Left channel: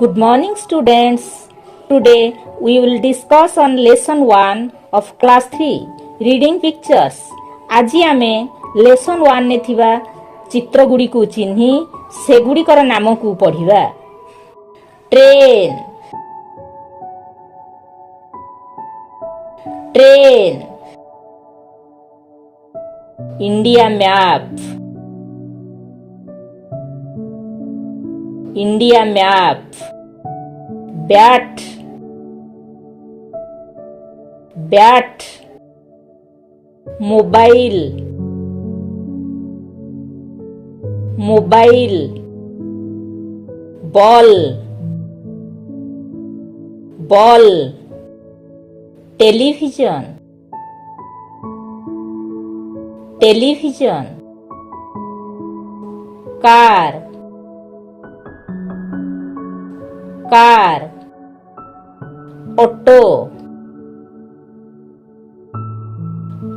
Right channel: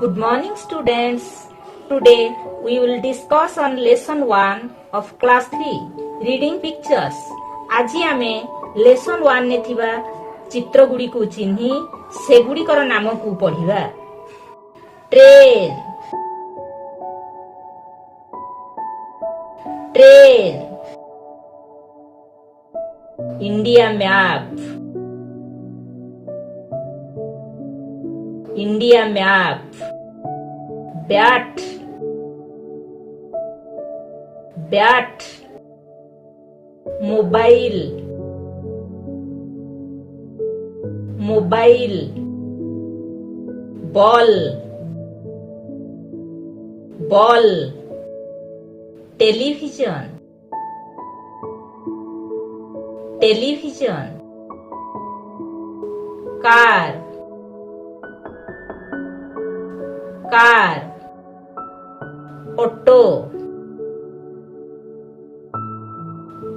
Good morning students. Today we will discuss on lesson 1 of class 3 reading pictures. আজি ଆମେ lesson 1 ରେ ଥିବା ଚିତ୍ର ଗୁଡ଼ିକୁ ଚିହ୍ନି ସେଗୁଡ଼ିକର ନାମକୁ ପଢ଼ିବା। Train, train. India map, India map. Bat, bat. Mobile, mobile. Ball, ball. Television, television. Car, car. Auto,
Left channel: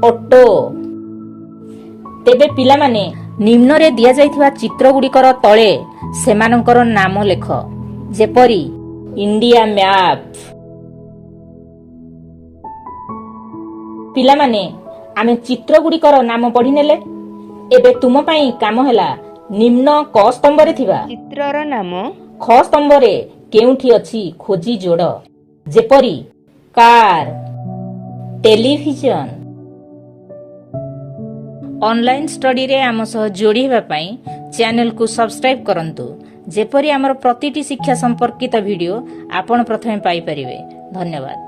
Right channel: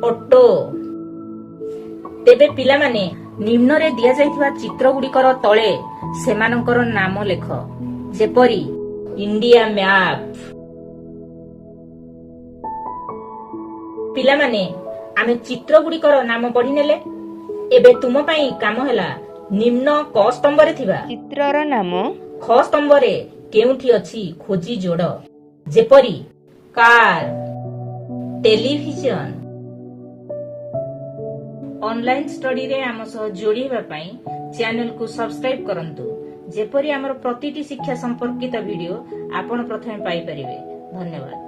auto. ତେବେ ପିଲାମାନେ ନିମ୍ନରେ ଦିଆଯାଇଥିବା ଚିତ୍ର ଗୁଡ଼ିକର ତଳେ ସେମାନଙ୍କର ନାମ ଲେଖ, ଯେପରି ଇଣ୍ଡିଆ ମ୍ୟାପ। ପିଲାମାନେ ଆମେ ଚିତ୍ର ଗୁଡ଼ିକର ନାମ ପଢ଼ିନେଲେ। ଏବେ ତୁମ ପାଇଁ କାମ ହେଲା ନିମ୍ନ କ ସ୍ତମ୍ଭରେ ଥିବା ଚିତ୍ରର ନାମ ଖ ସ୍ତମ୍ଭରେ କେଉଁଠି ଅଛି ଖୋଜି ଯୋଡ଼, ଯେପରି କାର, ଟେଲିଭିଜନ। ଅନଲାଇନ୍ ଷ୍ଟଡିରେ ଆମ ସହ ଯୋଡ଼ି ହେବା ପାଇଁ ଚ୍ୟାନେଲକୁ ସବସ୍କ୍ରାଇବ୍ କରନ୍ତୁ, ଯେପରି ଆମର ପ୍ରତିଟି ଶିକ୍ଷା ସମ୍ପର୍କିତ ଭିଡ଼ିଓ ଆପଣ ପ୍ରଥମେ ପାଇପାରିବେ। ଧନ୍ୟବାଦ।